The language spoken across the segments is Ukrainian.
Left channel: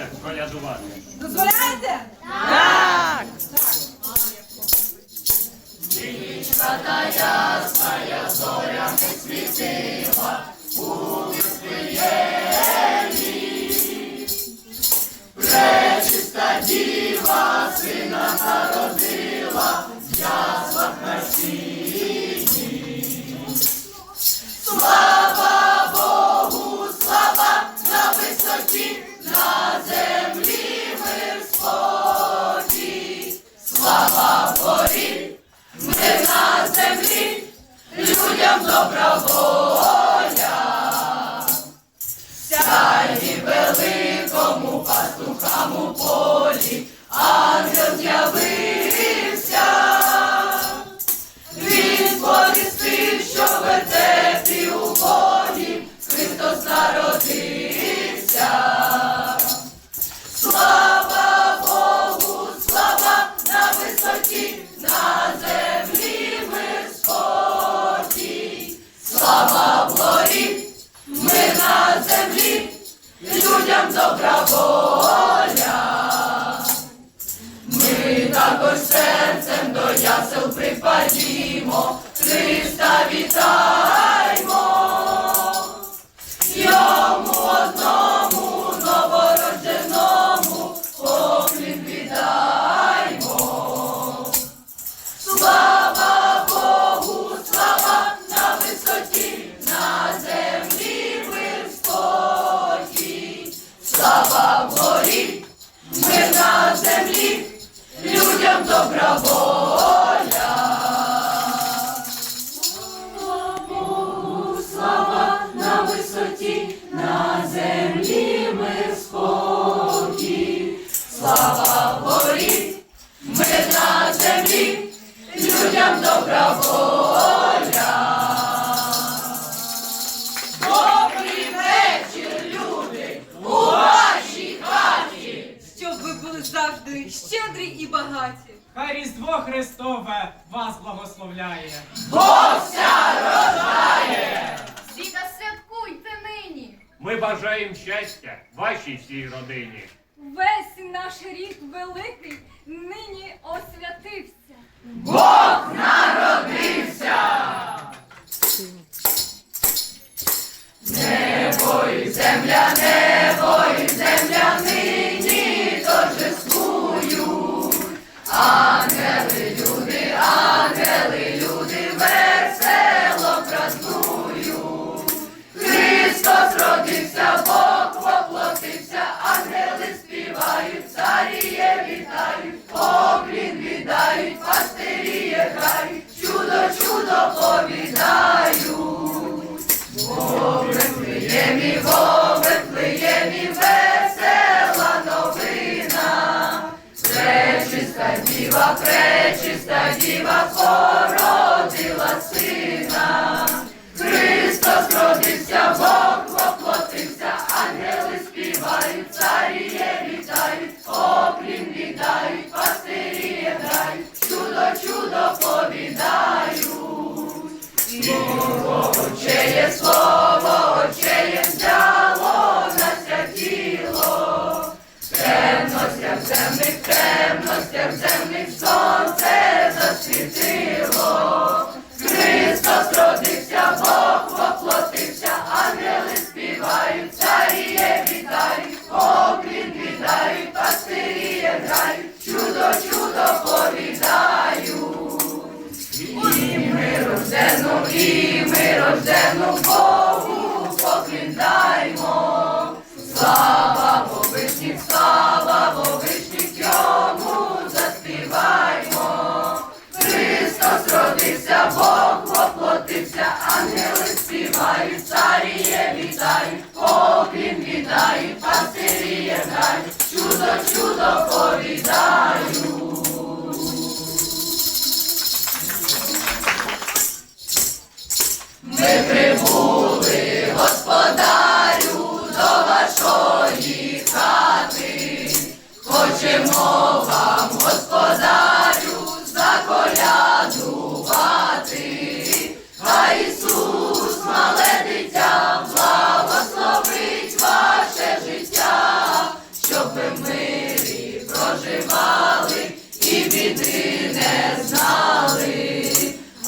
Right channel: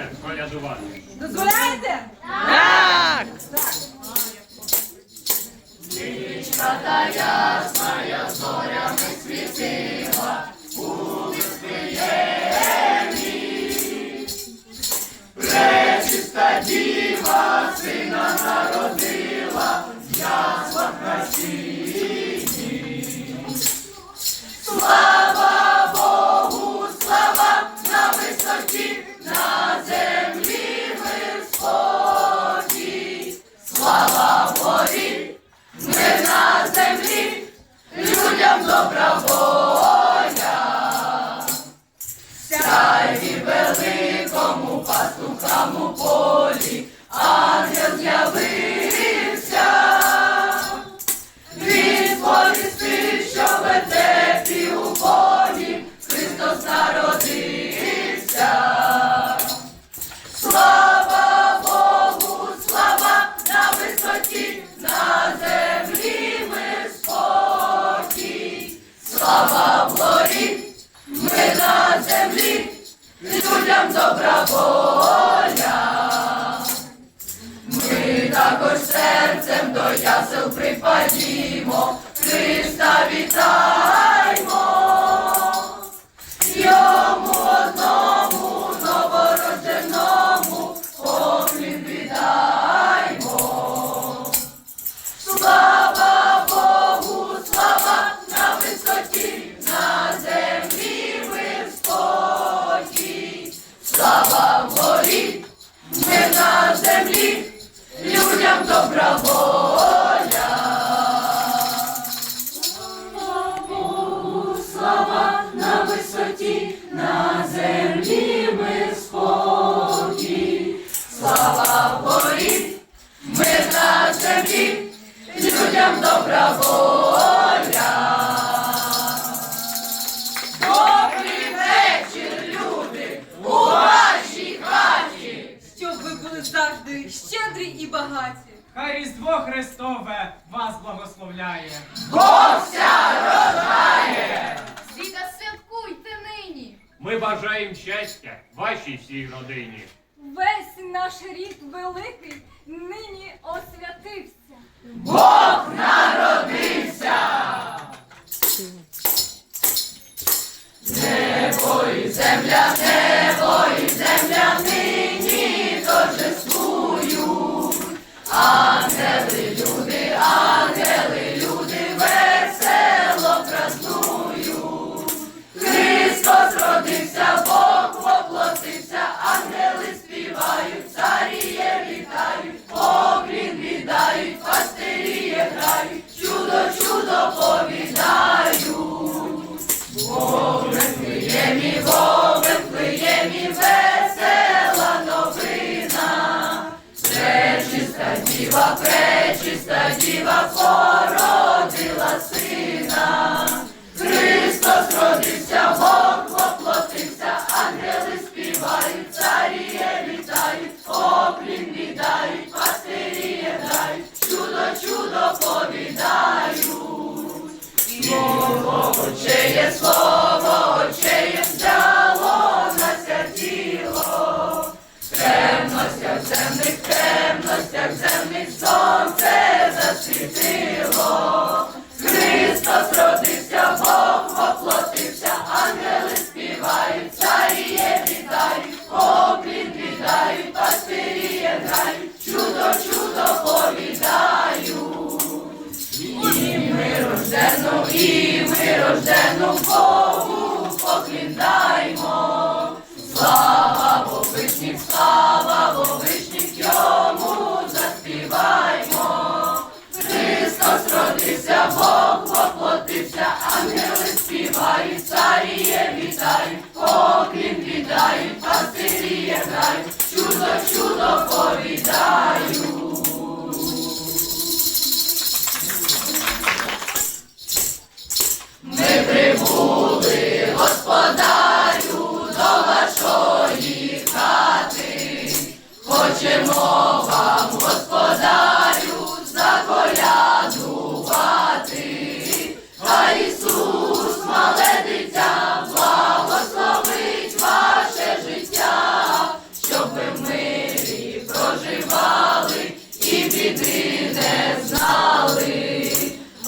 Можете колядувати. Дозволяєте? Так! Так. Синічка та ясна, зоря не світи. нам добра воля, ми також серцем до ясел припадімо, Христа вітаємо. Різдво Христове вас благословляє. Богся рождає! Всі та святкуйте нині. Ми бажаємо щастя вашій всій родині. Весь наш рід великий нині освятився. Бог народився. Небо і земля, небо і земля. Вифлеємі, о, Вифлеємі, весела новина, пречиста діва, пречиста діва, хора. сміх сонце засвіти. Маріє вітають, поклін вітають, пастирі знають, чудо, чудо повідаю. Ми прибули, господарю, до вашої хати, хочемо.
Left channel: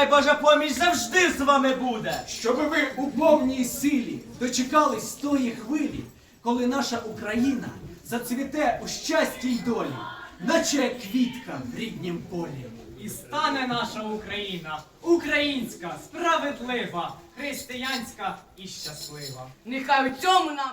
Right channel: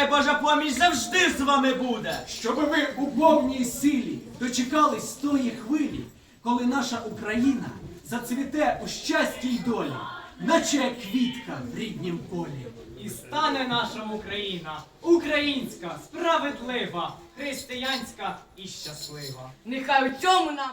Нехай Божа поміч завжди з вами буде. Щоб ви у повній силі дочекались тої хвилі, коли наша Україна зацвіте у щасті й долі, наче квітка в ріднім полі. І стане наша Україна українська, справедлива, християнська і щаслива. Нехай у цьому нам